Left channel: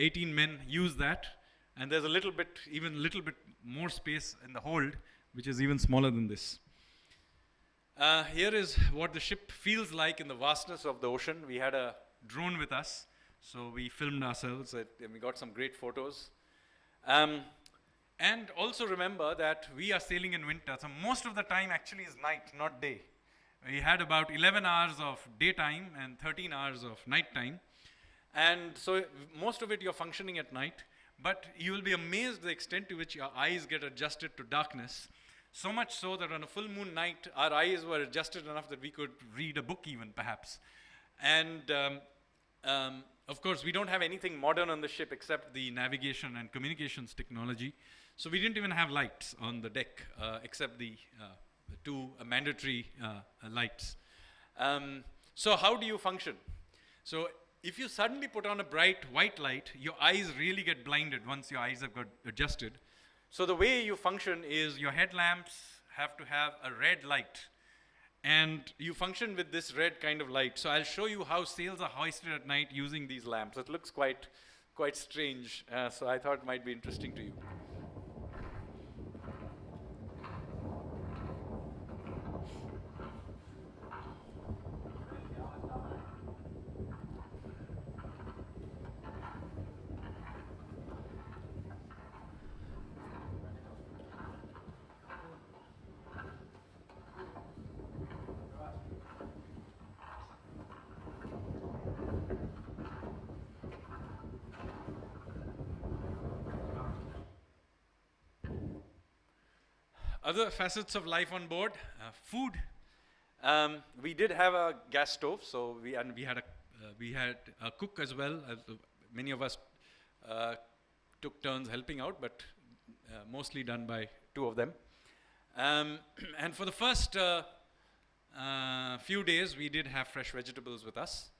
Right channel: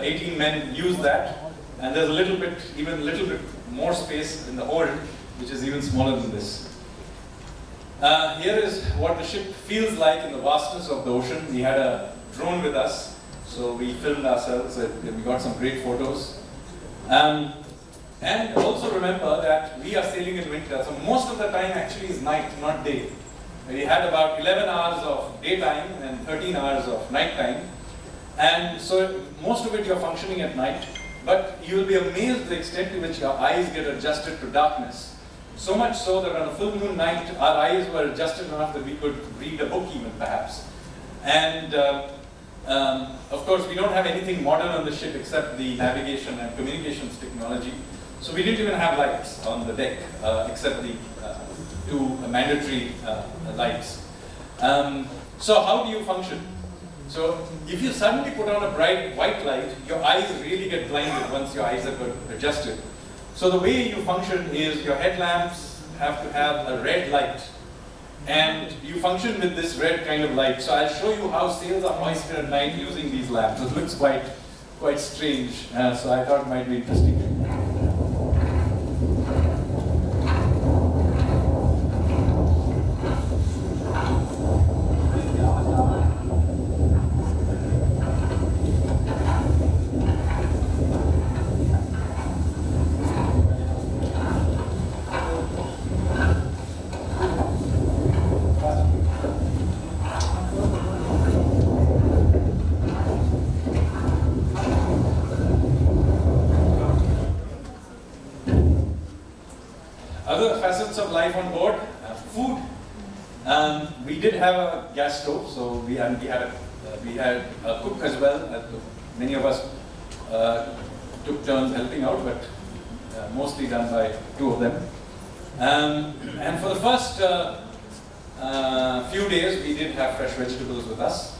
18 men use that, and there's even a little bit more space in the hold, which is even smaller than this. Here is what the ship feels like in the vastness of the ocean. We had a drone with us, so we filmed ourselves, and we got some great photos. And also remember that we are sailing in winter, so most of the time actually is night, not day. We had about 11 hours of daytime and 13 hours of nighttime. And so most of it you're functioning at night, but you will be amazed the extent to which your eyes get adjusted to darkness. So much so that on a full moon night, our eyes were adjusted enough that we could read a book even perhaps. And of course, we don't have anything modern on the ship except the navigation and communications technology. So we didn't even have lights on the deck, except the two mandatory lights. So how do you function? So if you suddenly put on a bright white light, your eyes really get blinded once your eyes have got adjusted. So the way you function is your headlamps have to have a red light. And you function with this red kind of light. So I'll show you how sails are hoisted at night using these lamps. It looks quite strange, so I thought it might be interesting to you. Other facets of life on board, food. We did have a gas stove, so we had a cook as well. Many of us took turns helping out, but mostly done by two of them. And for the first few days, we did have fresh vegetables with us.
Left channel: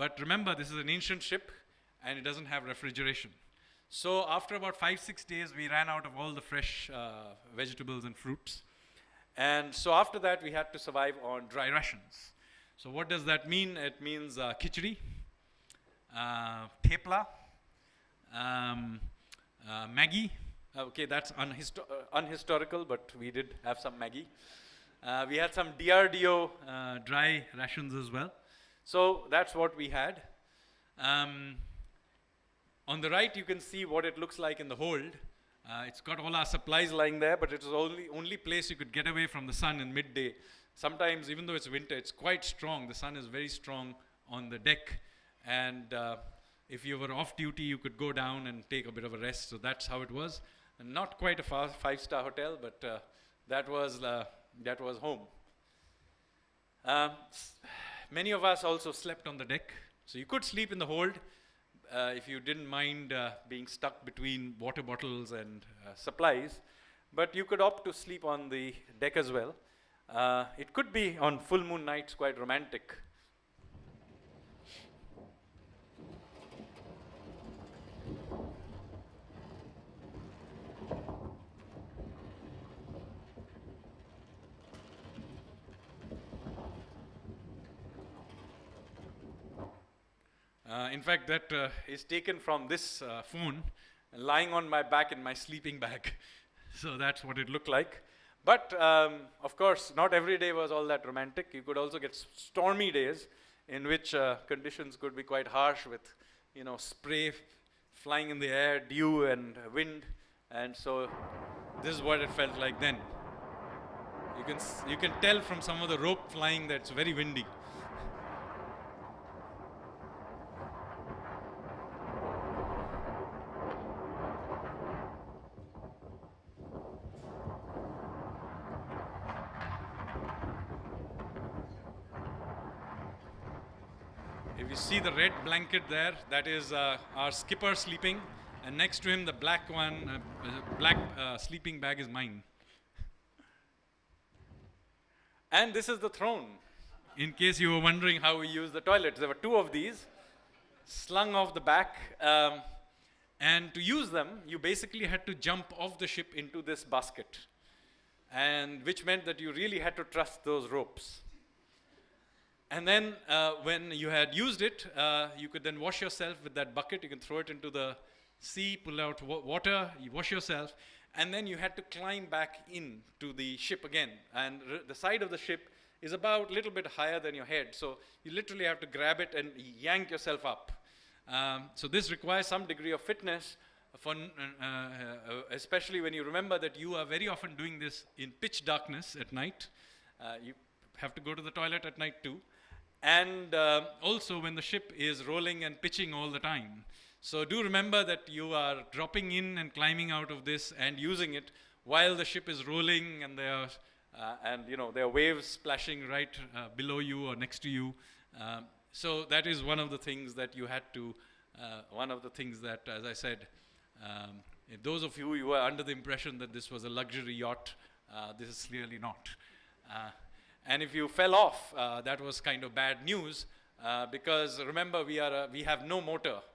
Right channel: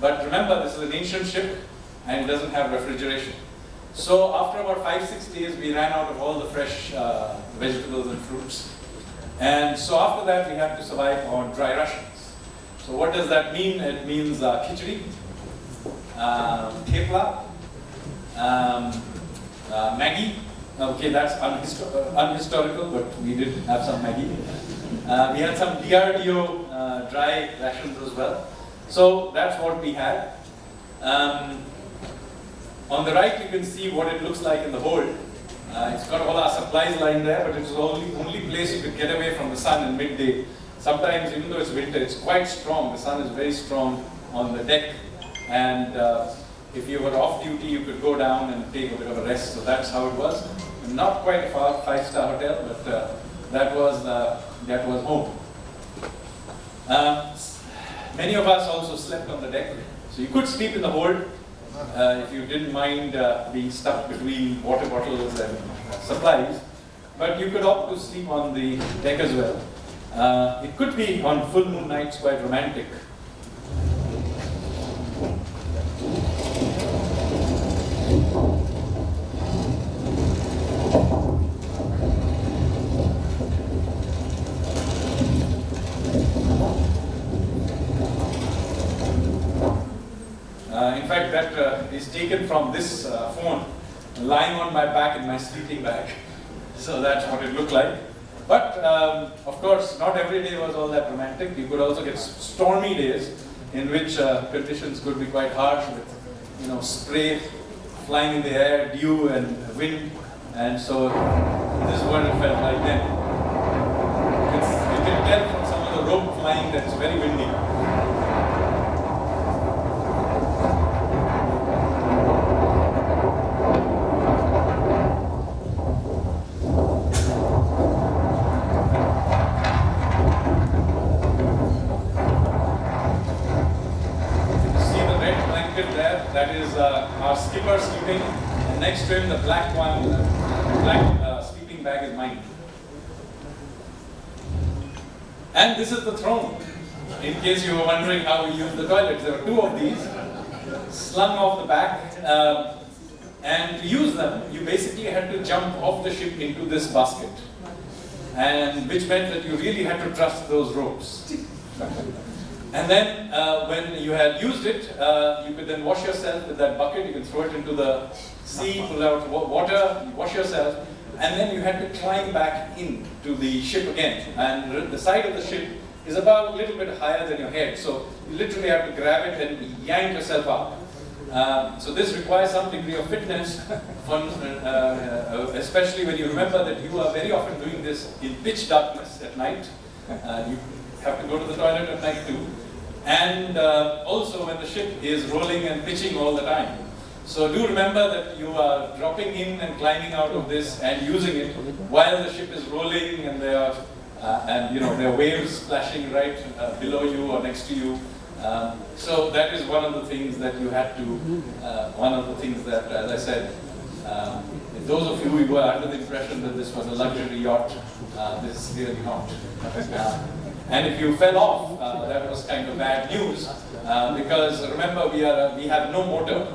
But remember, this is an ancient ship and it doesn't have refrigeration. So after about 5-6 days, we ran out of all the fresh vegetables and fruits. And so after that, we had to survive on dry rations. So what does that mean? It means khichdi, thepla, Maggi. Okay, that's unhistorical, but we did have some Maggi. We had some DRDO dry rations as well. So that's what we had. On the right, you can see what it looks like in the hold. It's got all our supplies lying there, but it's the only place you could get away from the sun in midday. Sometimes, even though it's winter, it's quite strong. The sun is very strong on the deck. And if you were off duty, you could go down and take a bit of a rest. So that's how it was. Not quite a 5-star hotel, but that was home. Many of us also slept on the deck. So you could sleep in the hold. If you didn't mind being stuck between water bottles and supplies, but you could opt to sleep on the deck as well. It could be on full moon nights quite romantic. In fact, that is taken from this phone lying on my back in my sleeping bag. So that's what it looked like. But of course, not every day was all that romantic. You could also get stormy days in which conditions could be quite harsh with, spray flying in the air, dew and wind. And so this is what it felt like then. You can tell from some of the rope flying that it's very windy. That is our skipper sleeping, and next to him the black one, sleeping bag is mine. And this is the throne, in case you were wondering how we use the toilets. There are two of these, slung off the back, and to use them, you basically had to jump off the ship into this basket, and which meant that you really had to trust those ropes. And then when you had used it, you could then wash yourself with that bucket. You can throw it into the sea, pull out water, you wash yourself, and then you had to climb back into the ship again. And the side of the ship is about a little bit higher than your head, so you literally have to grab it and yank yourself up. So this requires some degree of fitness, especially when you remember that you are very often doing this in pitch darkness at night. You have to go to the toilet at night too. And also when the ship is rolling and pitching all the time. So do remember that you are dropping in and climbing out of this and using it while the ship is rolling, and there are waves splashing right below you or next to you. So that is one of the things that you had to, one of the things that, as I said, those of you who were under the impression that this was a luxury yacht, this is really not. And if you fell off, that was kind of bad news, because remember we have no motor,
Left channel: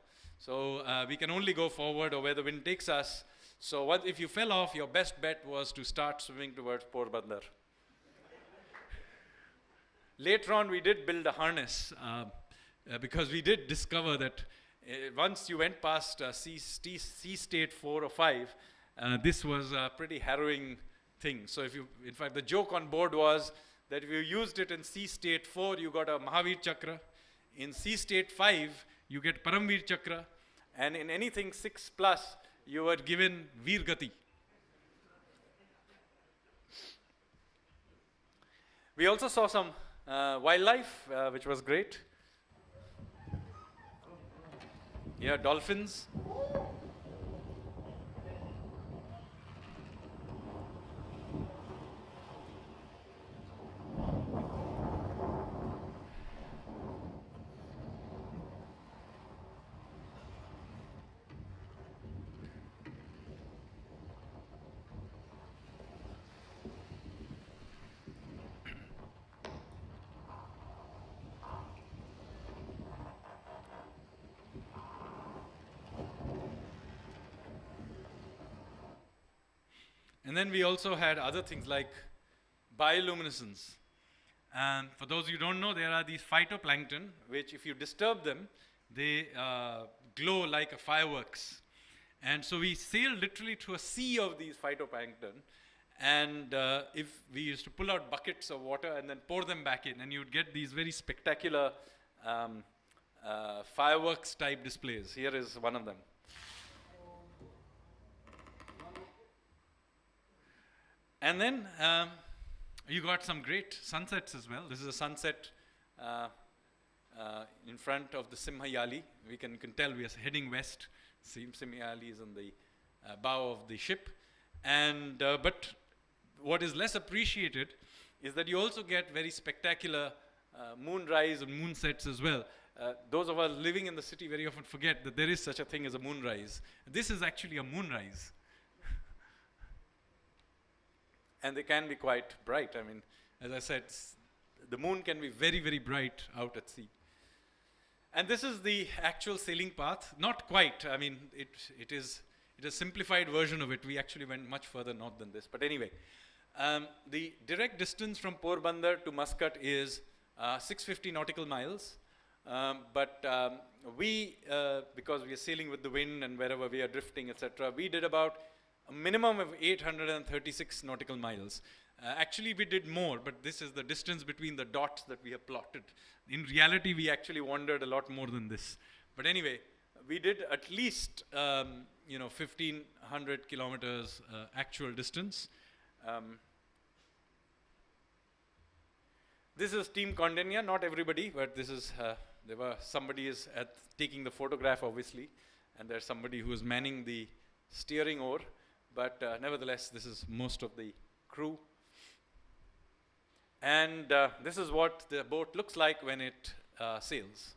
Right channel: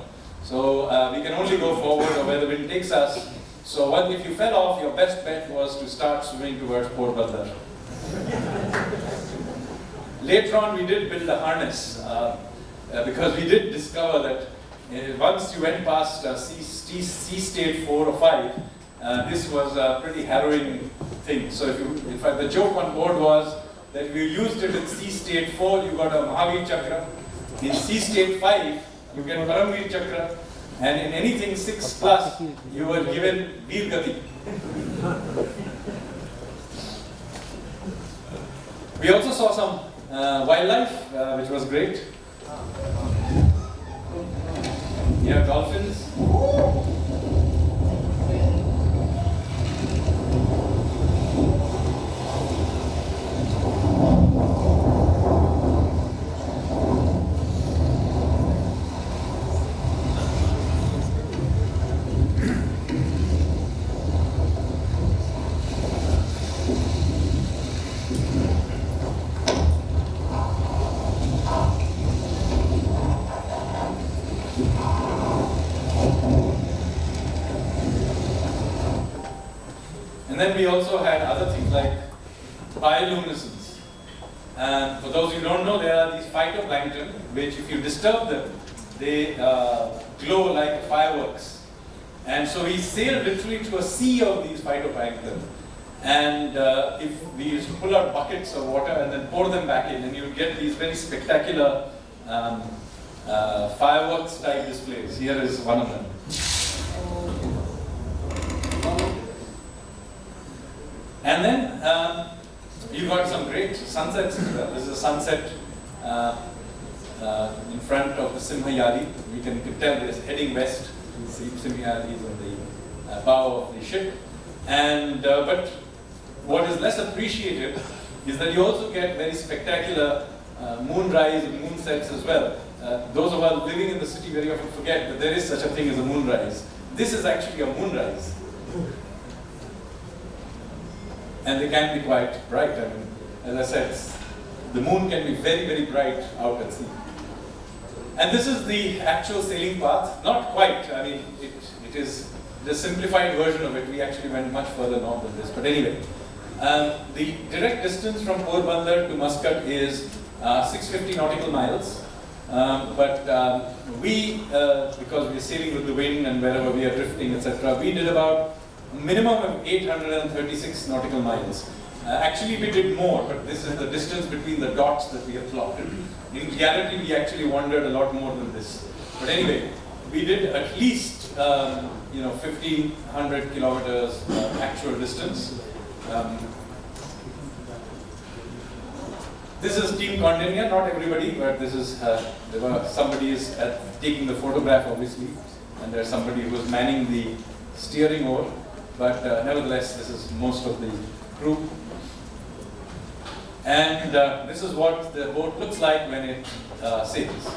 so we can only go forward or where the wind takes us. So if you fell off, your best bet was to start swimming towards Port Bandar. Later on, we did build a harness because we did discover that once you went past sea state 4 or 5, this was a pretty harrowing thing. So in fact, the joke on board was that if you used it in sea state 4, you got a Mahavir Chakra. In sea state 5, you get Paramvir Chakra. And in anything 6 plus, you were given Veer Gati. We also saw some wildlife, which was great. Yeah, dolphins. And then we also had other things like bioluminescence. And for those who don't know, there are these phytoplankton, which if you disturb them, they glow like fireworks. And so we sailed literally through a sea of these phytoplankton. And if we used to pull out buckets of water and then pour them back in, and you get these very spectacular fireworks type displays. Here is one of them. And then you got some great sunsets. This is a sunset in front of the Simhayadi. You can tell this heading west. You see Simhayadi is on the bow of the ship. And but what is less appreciated is that you also get very spectacular moonrise and moonsets as well. Those of us living in the city very often forget that there is such a thing as a moonrise. This is actually a moonrise. And they can be quite bright. I mean, as I said, the moon can be very, very bright out at sea. And this is the actual sailing path. Not quite. I mean, it is the simplified version of it. We actually went much further north than this. But anyway, the direct distance from Porbandar to Muscat is 650 nautical miles. But we, because we are sailing with the wind and wherever we are drifting, etc., we did about a minimum of 836 nautical miles. Actually, we did more, but this is the distance between the dots that we have plotted. In reality, we actually wandered a lot more than this. But anyway, we did at least 1,500 kilometers actual distance. This is Team Container, not everybody, but this is somebody is taking the photograph, obviously, and there's somebody who is manning the steering oar. But nevertheless, this is most of the crew. And this is what the boat looks like when it sails.